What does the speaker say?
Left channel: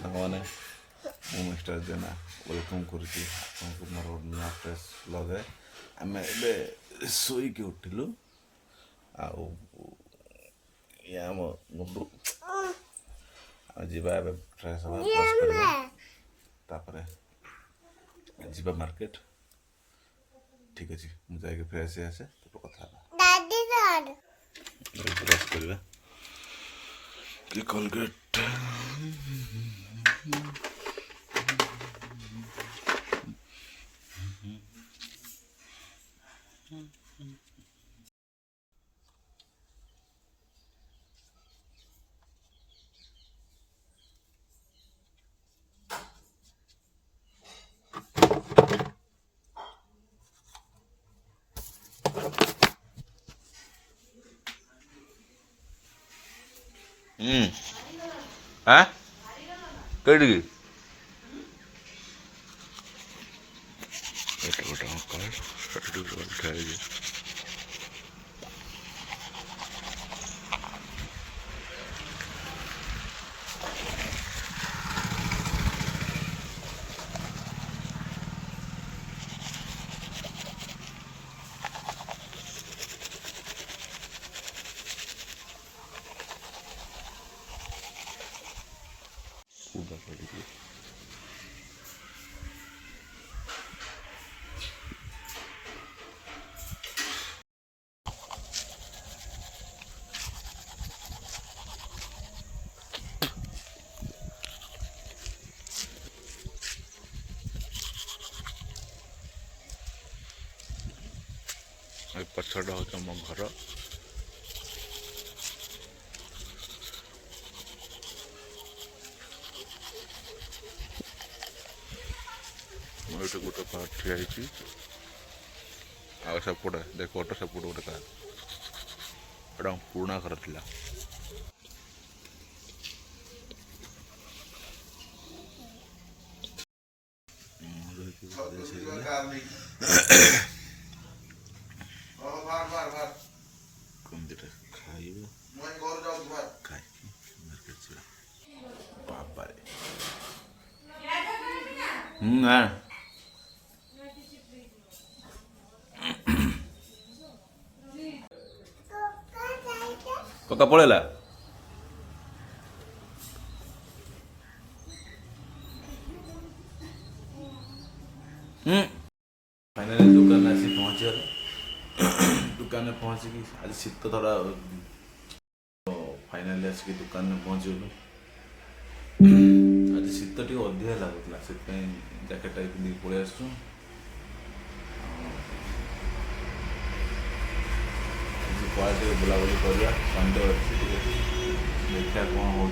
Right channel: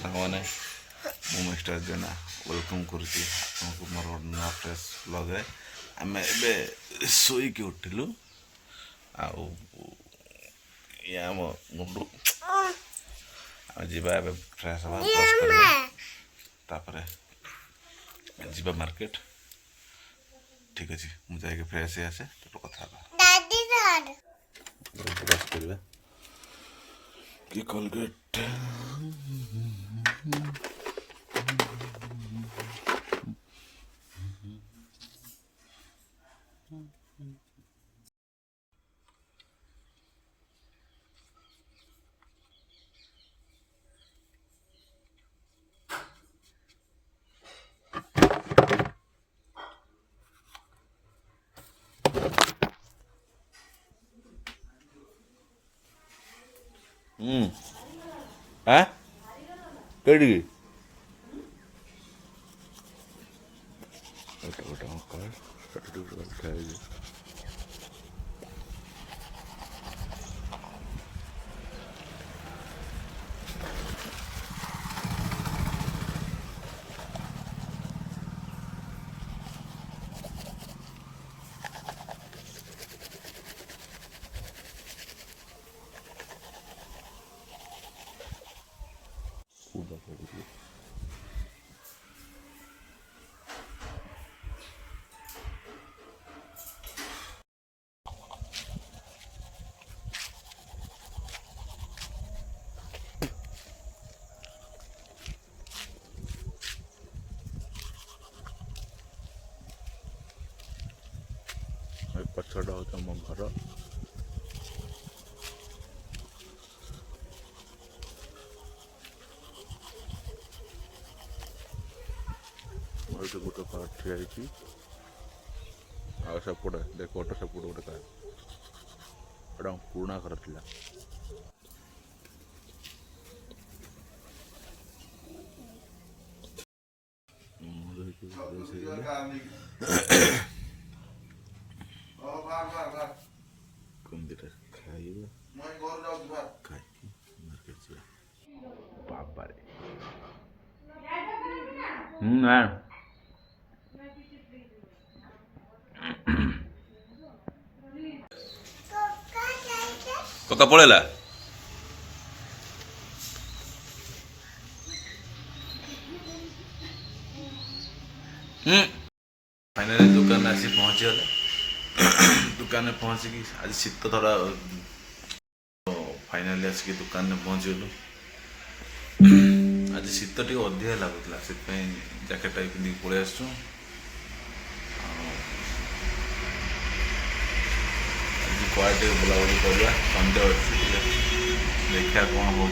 ସାଙ୍ଗମାନେ ମୁଁ mister Jena welcome କରୁଛି ଆପଣଙ୍କୁ ମୋର ନୂଆ ଫ୍ରେଶ୍ ବ୍ଲଗ୍ରେ। ଆମେ ଏବେ ଶୋଇକି ଉଠିଲୁ ଆଉ ଇଏ ଆମ ଗୁଣ୍ଡୁ ଆମେ ଯିବା ଏବେ ଫ୍ରେଶ୍ ହେବା ବ୍ରସ୍ କରିବା ତାପରେ ଯିବା ମାର୍କେଟ। ଠିକ୍ ଅଛି ମୁଁ ଯାଇକି ଫ୍ରେଶ୍ ହେଇ ଆସେ ତାପରେ କଥା ହେବା। ବ୍ରସ୍ କରିବା କି କୋଲଗେଟ୍ हाँ कड़ी पछड़ा हो तुम घर गोटे कार ठिया सेपटे देख ऑटो सेपटे गोटे कार एटा पुराना घर थी कमदीटा खाइब खाई मार्केट बाबा कका पड़ेला फाइनाली दुकान आसी पहुँची गले दुकान में पहुँचिकी आज शीत थोड़ा फाइनाली आसिक दुकान में पहुँची गलु। आज शीत टी अधिका लगुला से जैकेट टाइप पिंधिक पलि आसु। आज कुआडे बुलाबुली करवा संडे अच्छी देखा कौन हो।